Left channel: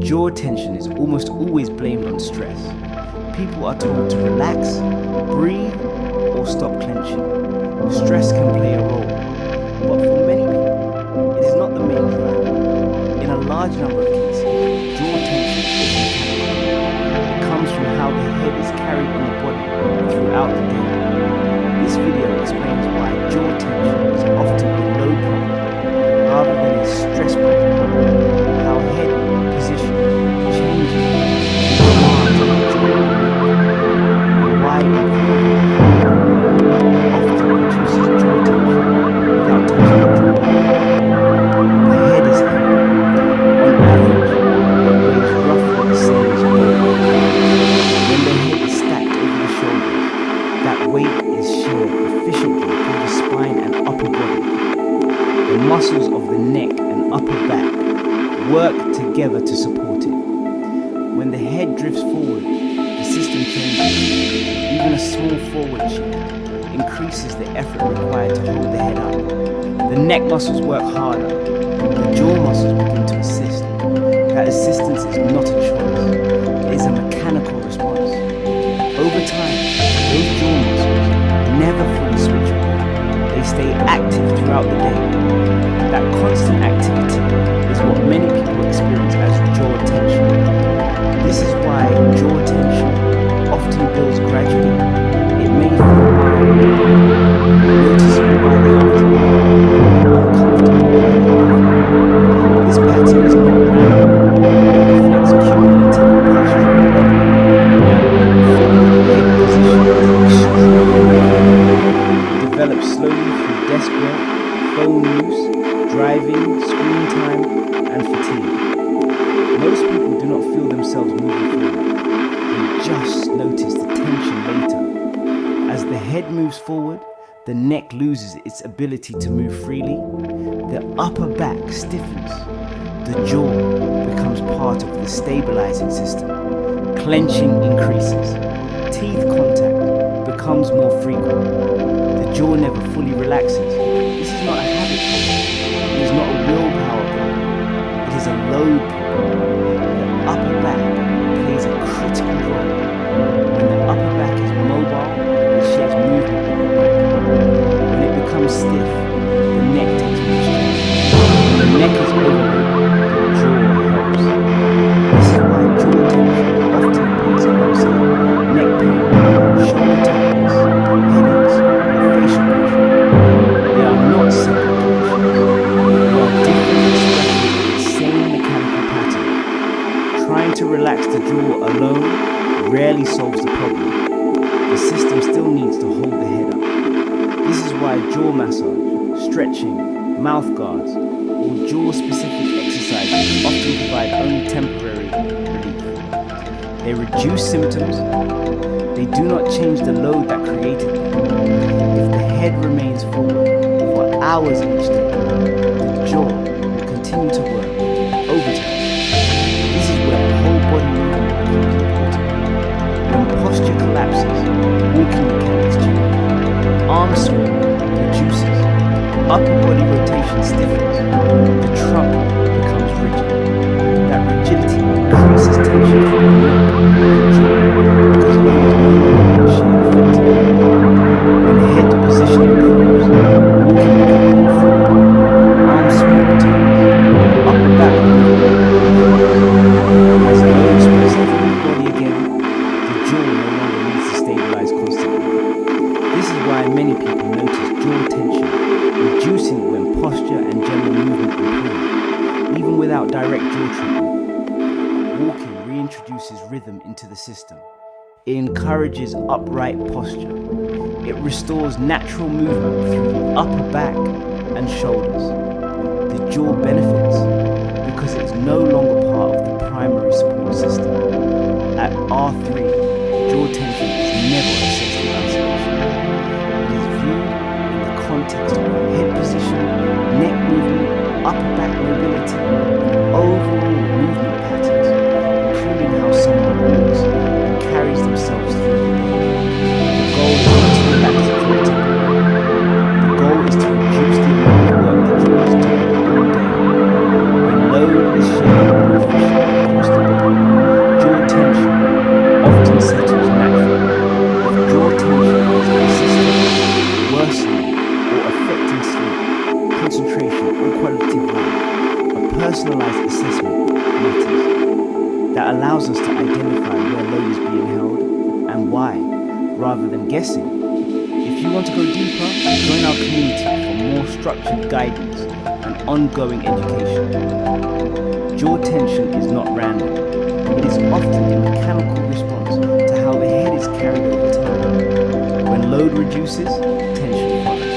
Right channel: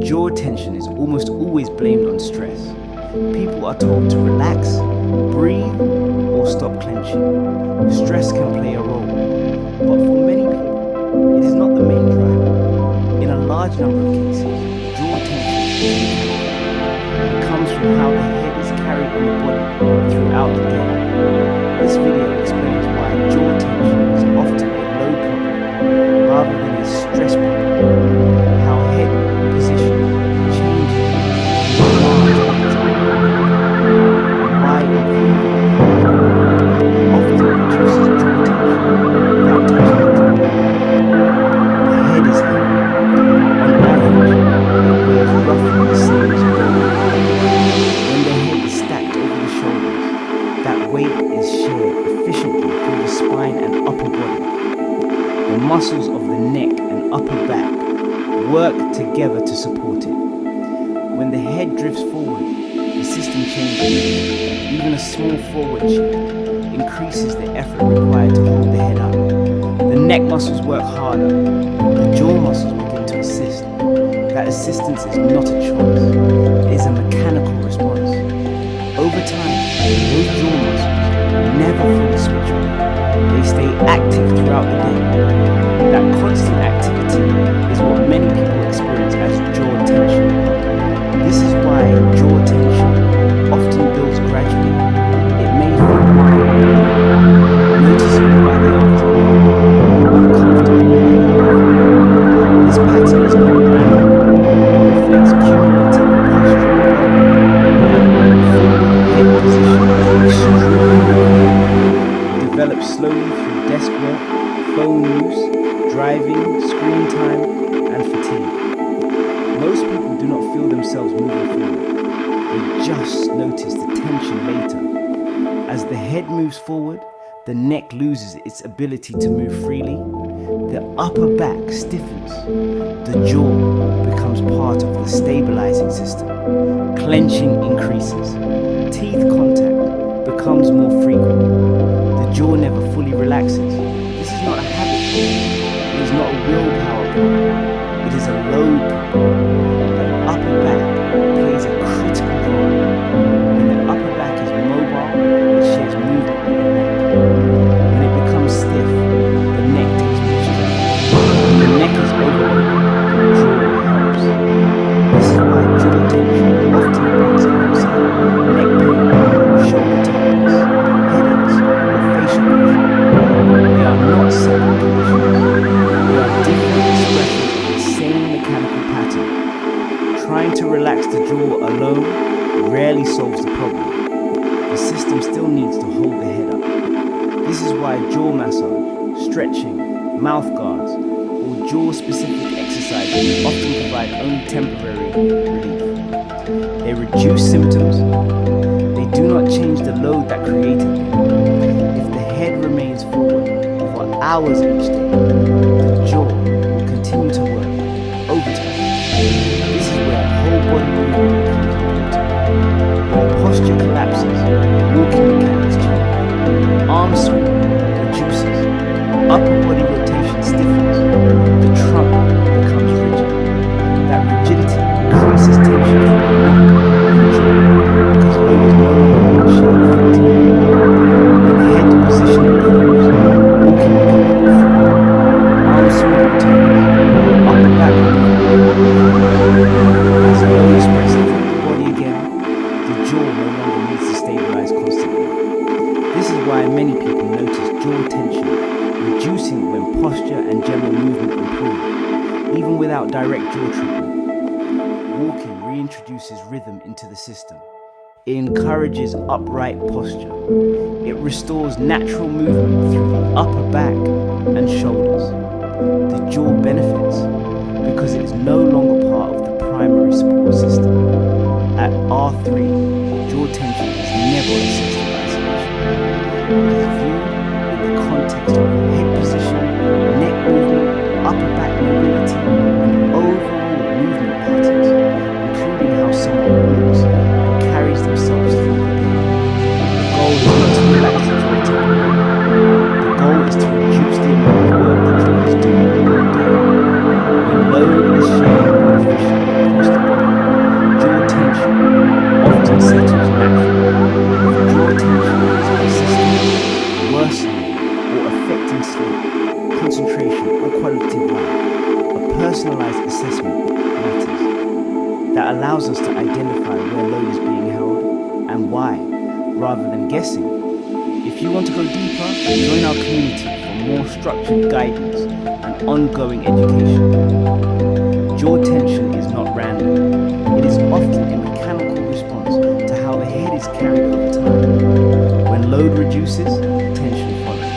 Jaw tension is almost always blamed on stress. People are told to relax, breathe, or stop clenching. Stress can play a role, but for many people, it is not the main driver. In a large number of cases, jaw tension is mechanical. It comes from how the head is carried on the body throughout the day. This video explains why jaw tension is often a load problem rather than a stress problem, how head position changes the demands of the jaw, and why improving often reduces jaw tension without touching the jaw. The head is heavy. On average, it weighs roughly the same as a ball. When the head is stacked over the shoulders, that weight is shared efficiently through the spine and upper body. The muscles of the neck and upper back work together to support it. When the head drifts forward, the system changes. Even a small forward shift increases the effort required to hold the head up. The neck muscles work harder. The jaw muscles begin to assist. That assistance is not a choice. It is a mechanical response. Over time, those jaw muscles never fully switch off. They stay active throughout the day. That constant activity is what many people experience as jaw tension. This is why jaw tension often builds gradually. It may feel mild, noticeable by the afternoon, uncomfortable by the morning. This pattern is not random. It reflects cumulative postural load. Forward head position is extremely common. Develops slowly through desk work, phone use, driving, screen time, and fatigue. Most people do not feel themselves moving forward. They just notice the tension later. As the head moves forward, the neck loses its ability to move freely. The upper back stiffens. The jaw becomes part of the stabilizing system. Clenching increases. Teeth contact becomes more frequent. The jaw never fully relaxes. This is not a habit problem. It is not a willpower problem. It is a load problem. The upper back plays a critical role. When the upper back is mobile, it shares movement with the neck. When it becomes stiff, the neck takes more strength. When the neck is overloaded, the jaw helps. This is why jaw tension often appears alongside neck pain, shoulder tightness, headaches, or facial pressure. They are not separate conditions. They are different expressions of the same mechanical pattern. Trying to relax the jaw alone rarely solves the problem. The system still needs to hold the head up. This is why jaw massage, stretching, mouth guards, or jaw-specific exercises often provide only temporary relief. They reduce symptoms. They do not change the load that created them. If the head remains forward for hours each day, the jaw will continue to work overtime. This is where whole body movement becomes important. When posture collapses, walking mechanics change. Arm swing reduces. Upper body rotation stiffens. The trunk becomes rigid. That rigidity increases tension from the neck and jaw because load is no longer being shared effectively. When head position improves, walking becomes more fluid. Arm swing returns. Upper back movement improves. As load spreads through the body again, the jaw no longer needs to stabilize constantly. This is why many people notice jaw tension reducing when posture and general movement improve, even without direct jaw treatment. Walking reintroduces rhythm into the system. It encourages upright posture. It restores natural movement through the upper back and shoulders. The jaw benefits because it is no longer part of the primary support system. At R3, jaw tension is never assessed in isolation. It is viewed in the context of head position, neck movement, upper back mobility, and overall movement patterns, including how someone walks and carries themselves through the day. The goal is not to relax the jaw temporarily. The goal is to reduce the amount of work the jaw is doing all day. When load is shared more efficiently quality of life, a personalized assessment matters. That allows us to identify where load is being held and why, rather than guessing. If you want to go deeper, join our community for more structured guidance and ongoing education. Jaw tension is not random. It is often a mechanical response to how the head is carried over time. When load reduces, tension follows.